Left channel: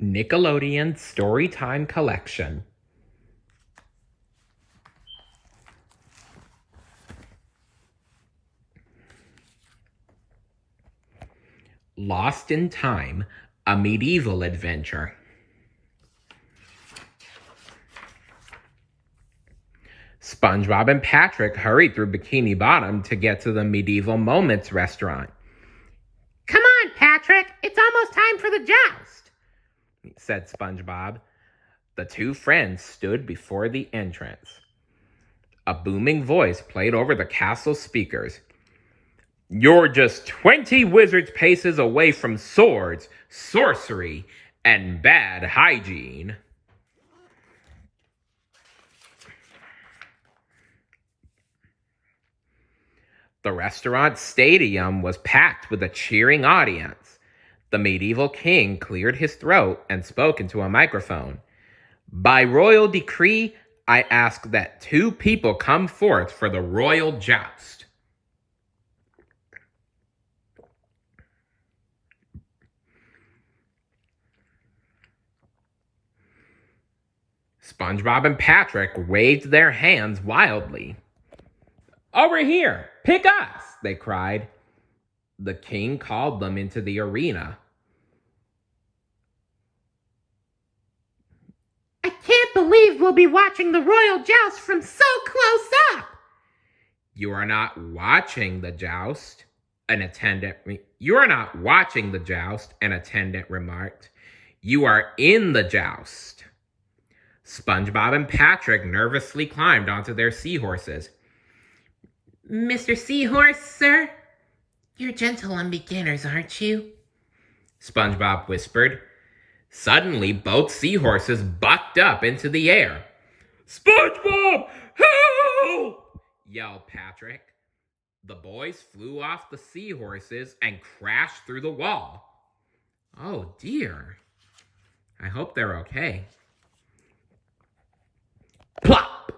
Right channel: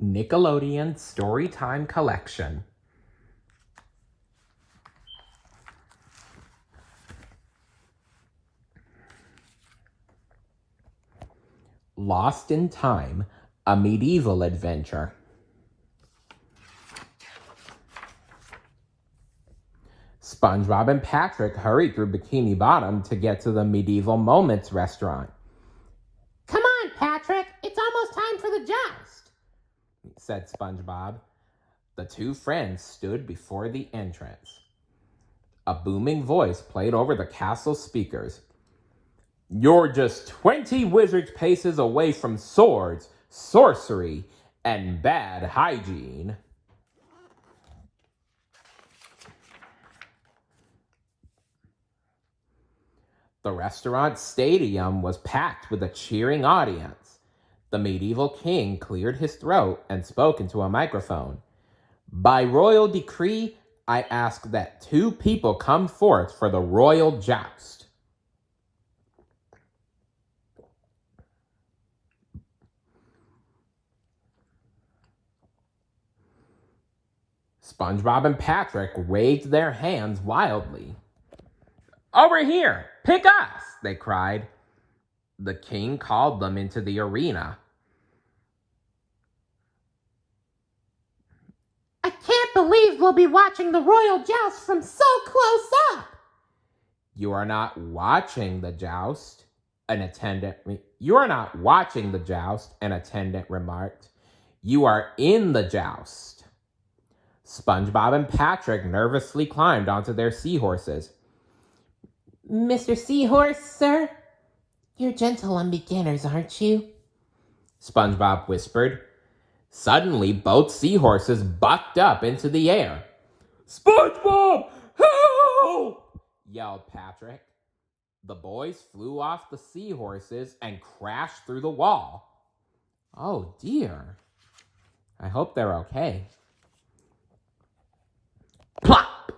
Nickelodeon Storytime Collection. Lost in Time, a medieval adventure. SpongeBob and Patrick hurried through Bikini Bottom to get to the Medieval Moments restaurant. "Come on, Patrick, it's almost time for the joust," said SpongeBob. The two friends stood before the entrance. A booming voice played over the castle speakers. "You're just 20 wizards' paces away from swords, sorcery, and bad hygiene." The restaurant stadium was packed with a cheering audience. The medieval king cleared his throat and spoke into a microphone. "By royal decree, I ask that 2 people come forth for the royal joust." SpongeBob and Patrick waved their hands wildly. "Over here! Pick us!" they cried. The king called them into the arena. "I can't believe we'll be watching the royal joust from so close up." "You are not watching the joust," an attendant remarked. "You are in the joust." SpongeBob and Patrick nervously climbed onto their seahorses. "Mr. Seahorse, sir? You're gentle on beginners, aren't you?" SpongeBob whispered. Suddenly, both seahorses bucked up into the air. "SpongeBob, help!" yelled Patrick. The boys flew off the seahorses and crashed through the wall. Oh dear. I hope they're okay. Plop!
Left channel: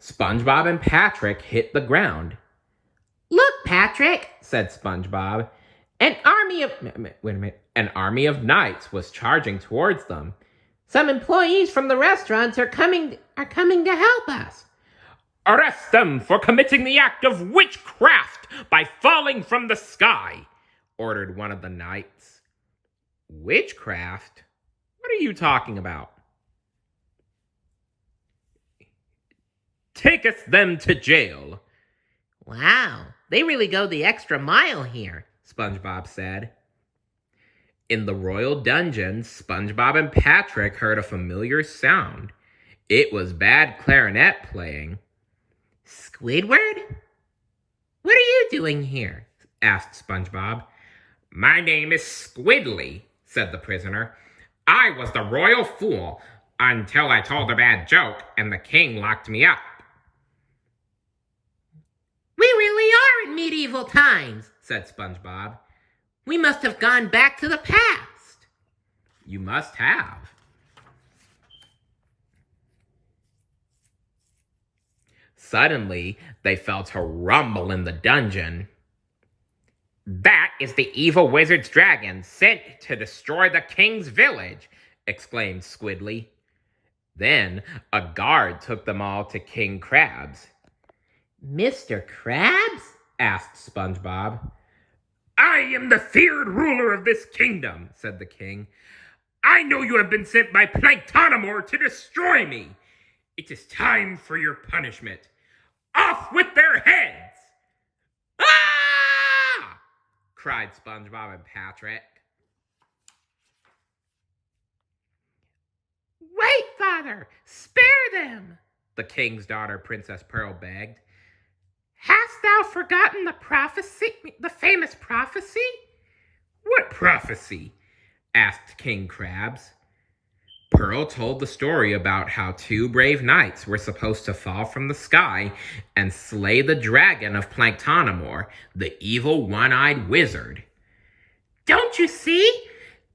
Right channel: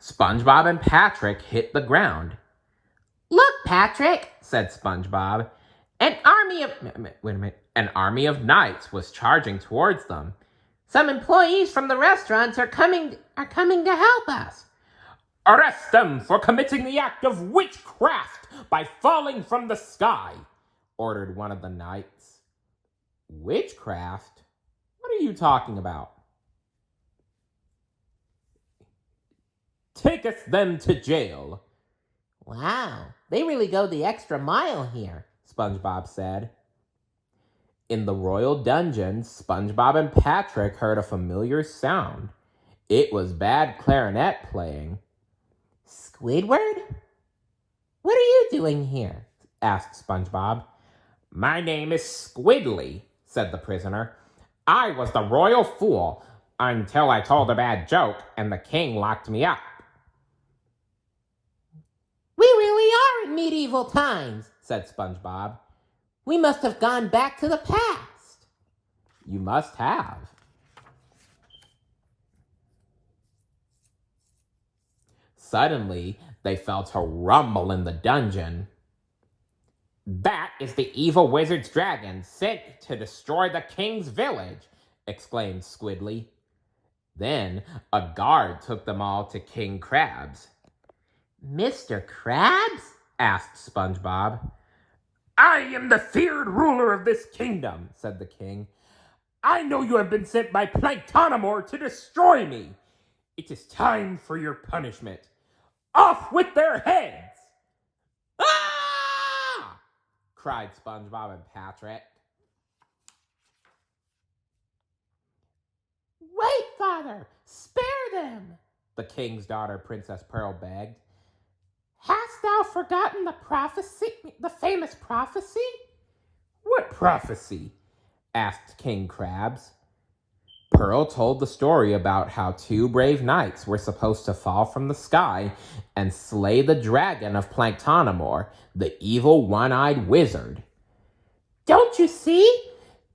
SpongeBob and Patrick hit the ground. "Look, Patrick," said SpongeBob. An army of knights was charging towards them. "Some employees from the restaurants are coming to help us." "Arrest them for committing the act of witchcraft by falling from the sky," ordered one of the knights. "Witchcraft? What are you talking about?" "Take us them to jail." "Wow, they really go the extra mile here," SpongeBob said. In the royal dungeon, SpongeBob and Patrick heard a familiar sound. It was bad clarinet playing. "Squidward? What are you doing here?" asked SpongeBob. "My name is Squidly," said the prisoner. "I was the royal fool until I told a bad joke and the king locked me up." "We really are in medieval times," said SpongeBob. "We must have gone back to the past." "You must have." Suddenly, they felt a rumble in the dungeon. "That is the evil wizard's dragon sent to destroy the king's village," exclaimed Squidly. Then a guard took them all to King Krabs. "Mr. Krabs?" asked SpongeBob. "I am the feared ruler of this kingdom," said the king. "I know you have been sent by Planktonamor to destroy me. It is time for your punishment. Off with their heads!" "Ah!" cried SpongeBob and Patrick. "Wait, Father! Spare them!" the king's daughter, Princess Pearl, begged. "Hast thou forgotten the famous prophecy?" "What prophecy?" asked King Krabs. Pearl told the story about how 2 brave knights were supposed to fall from the sky and slay the dragon of Planktonamor, the evil one-eyed wizard. "Don't you see?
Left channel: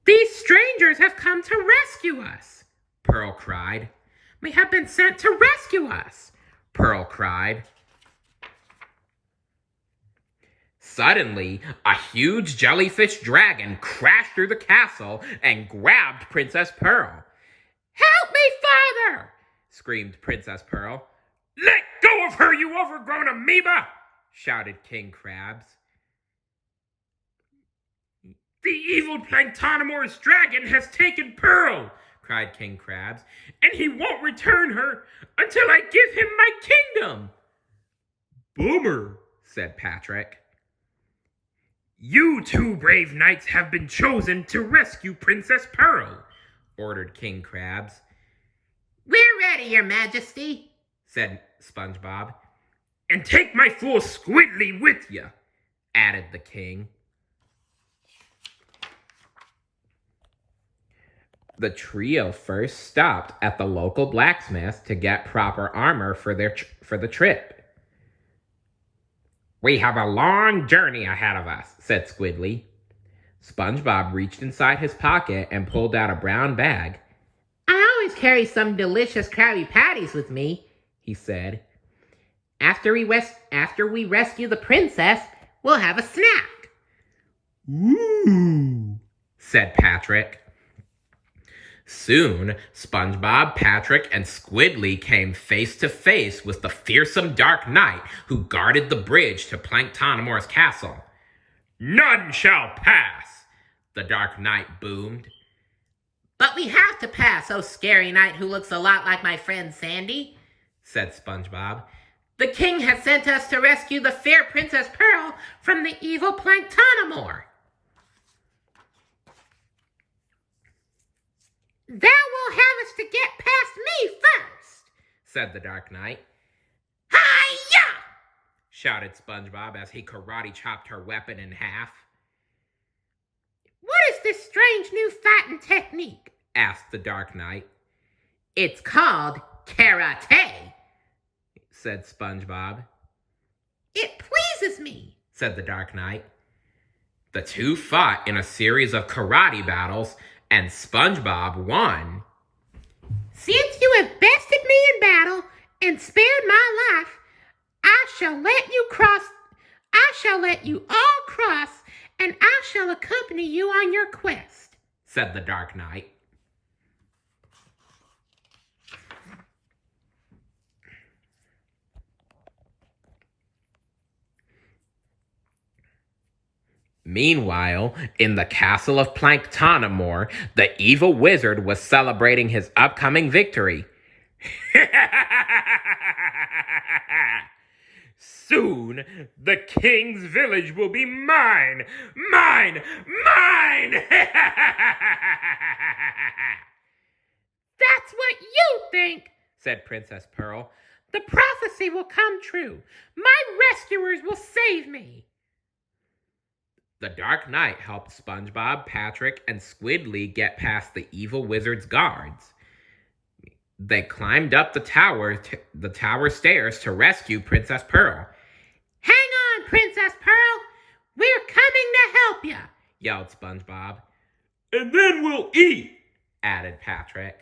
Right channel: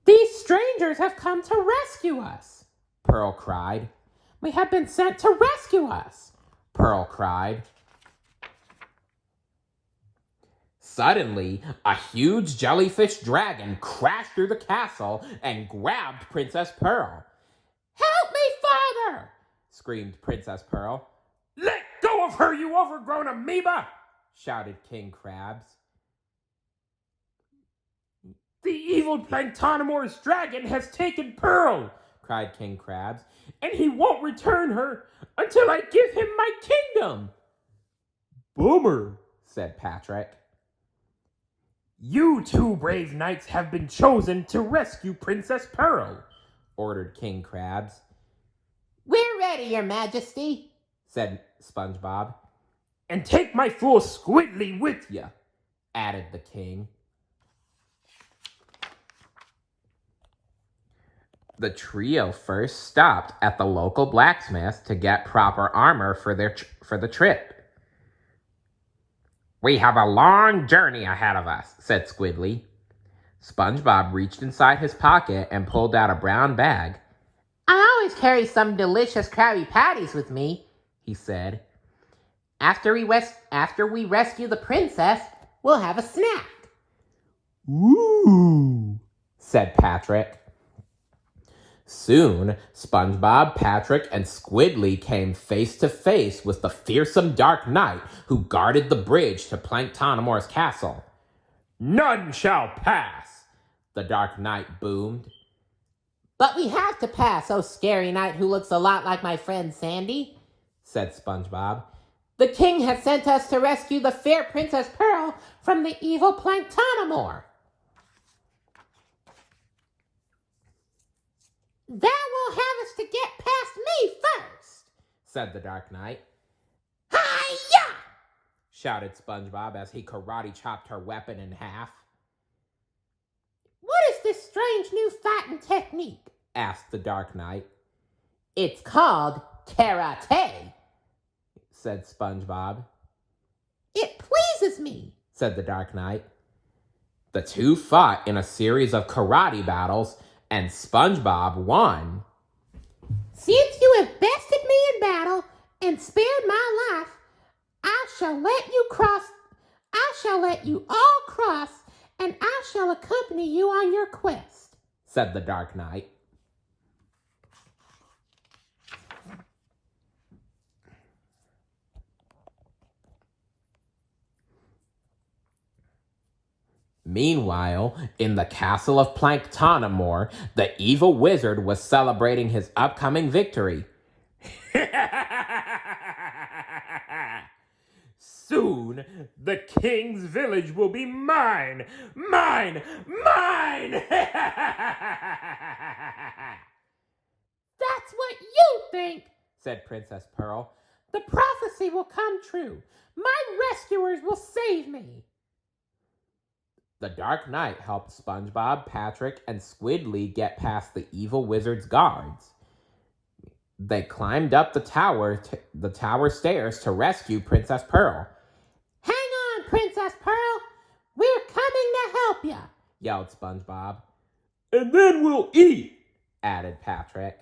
These strangers have come to rescue us," Pearl cried. "We have been sent to rescue us," Pearl cried. Suddenly, a huge jellyfish dragon crashed through the castle and grabbed Princess Pearl. Help me, father! Screamed Princess Pearl. Let go of her, you overgrown amoeba! Shouted King Krabs. The evil Planktonamor's dragon has taken Pearl, cried King Krabs, and he won't return her until I give him my kingdom. Bummer, said Patrick. You two brave knights have been chosen to rescue Princess Pearl, ordered King Krabs. We're ready, Your Majesty, said SpongeBob. And take my fool Squidly with you, added the king. The trio first stopped at the local blacksmith to get proper armor for the trip. We have a long journey ahead of us, said Squidly. SpongeBob reached inside his pocket and pulled out a brown bag. I always carry some delicious Krabby Patties with me, he said. After we rescue the princess, we'll have a snack. Ooh, said Patrick. Soon, SpongeBob, Patrick, and Squidly came face to face with the fearsome Dark Knight who guarded the bridge to Planktonamor's castle. None shall pass, the Dark Knight boomed. But we have to pass, oh scary knight who looks a lot like my friend Sandy, said SpongeBob. The king has sent us to rescue the fair Princess Pearl from the evil Planktonamor. Thou will have us to get past me first, said the Dark Knight. Hi-ya! Shouted SpongeBob as he karate chopped her weapon in half. What is this strange new fighting technique? Asked the Dark Knight. It's called karate, said SpongeBob. It pleases me, said the Dark Knight. The two fought in a series of karate battles, and SpongeBob won. Since you have bested me in battle and spared my life, I shall let you all cross, and I shall accompany you on your quest, said the Dark Knight. Meanwhile, in the castle of Planktonamor, the evil wizard was celebrating his upcoming victory. Soon, the king's village will be mine! Mine! Mine! That's what you think, said Princess Pearl. The prophecy will come true. My rescuers will save me. The Dark Knight helped SpongeBob, Patrick, and Squidly get past the evil wizard's guards. They climbed up the tower stairs to rescue Princess Pearl. Hang on, Princess Pearl. We're coming to help you, yelled SpongeBob. And then we'll eat, added Patrick.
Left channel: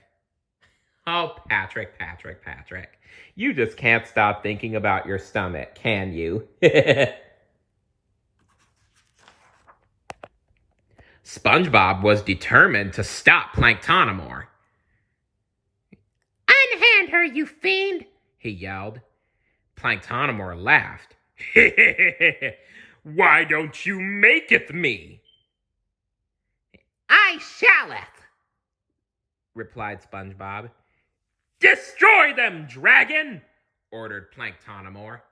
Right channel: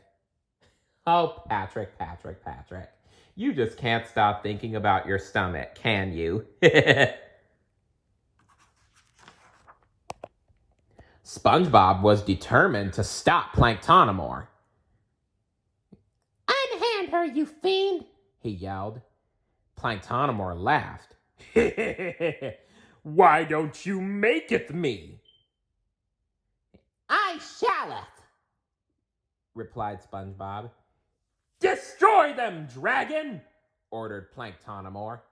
Oh, Patrick. You just can't stop thinking about your stomach, can you? SpongeBob was determined to stop Planktonamor. Unhand her, you fiend, he yelled. Planktonamor laughed. Why don't you make it me? I shalleth, replied SpongeBob. Destroy them, dragon! Ordered Planktonamor.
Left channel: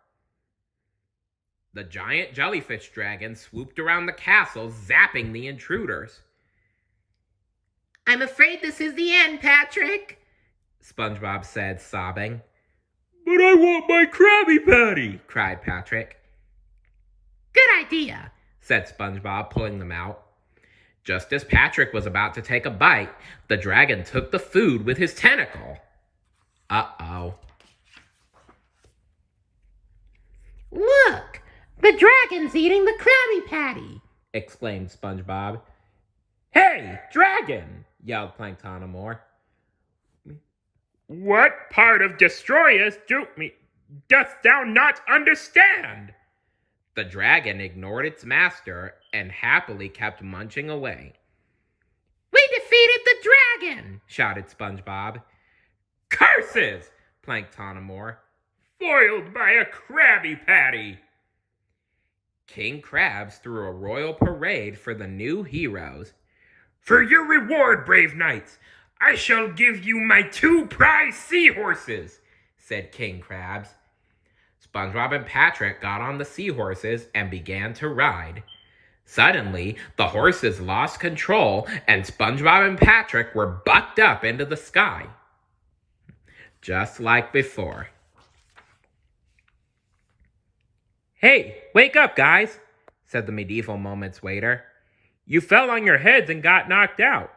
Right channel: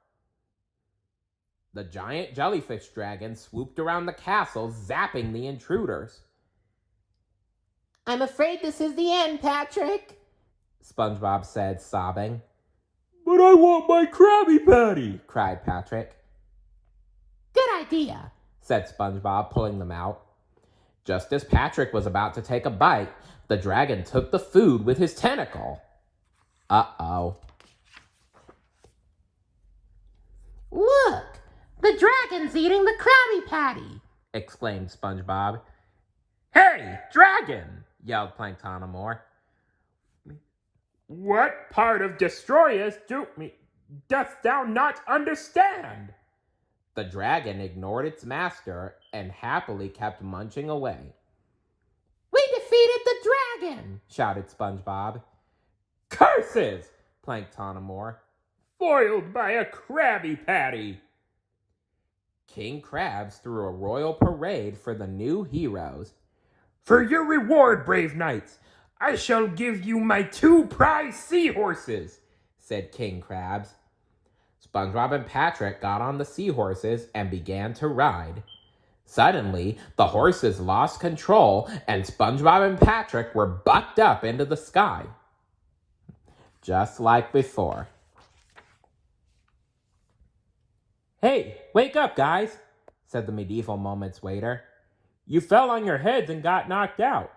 The giant jellyfish dragon swooped around the castle, zapping the intruders. I'm afraid this is the end, Patrick, SpongeBob said, sobbing. But I want my Krabby Patty, cried Patrick. Good idea, said SpongeBob, pulling them out. Just as Patrick was about to take a bite, the dragon took the food with his tentacle. Uh-oh. Look, the dragon's eating the Krabby Patty, exclaimed SpongeBob. Hey, dragon, yelled Planktonamor. What part of destroy us dost thou not understand? The dragon ignored its master and happily kept munching away. We defeated the dragon! Shouted SpongeBob. Curses! Planktonamor. Foiled by a Krabby Patty! King Krabs threw a royal parade for the new heroes. For your reward, brave knights, I shall give you my 2 prize seahorses, said King Krabs. SpongeBob and Patrick got on the seahorses and began to ride. Suddenly, the horses lost control and SpongeBob and Patrick were bucked up into the sky. Just like before. Hey, wake up, guys, said the Medieval Moments waiter. You fell on your heads and got knocked out.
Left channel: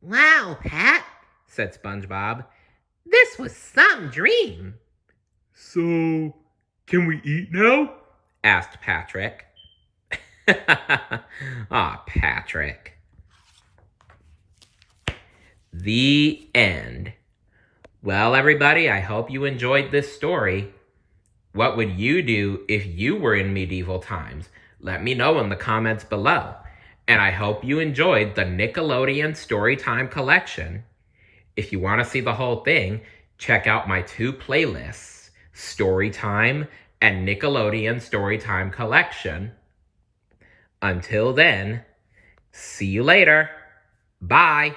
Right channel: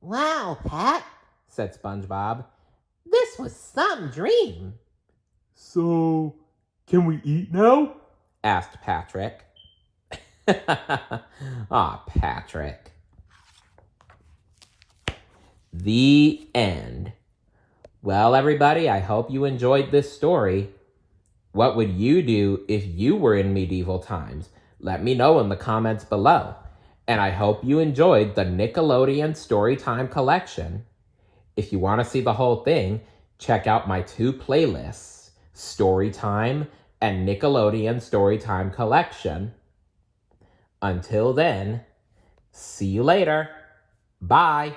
Wow, Pat, said SpongeBob. This was some dream. So, can we eat now? Asked Patrick. Patrick. The end. Well, everybody, I hope you enjoyed this story. What would you do if you were in medieval times? Let me know in the comments below. And I hope you enjoyed the Nickelodeon Storytime collection. If you want to see the whole thing, check out my 2 playlists, Storytime and Nickelodeon Storytime Collection. Until then, see you later. Bye.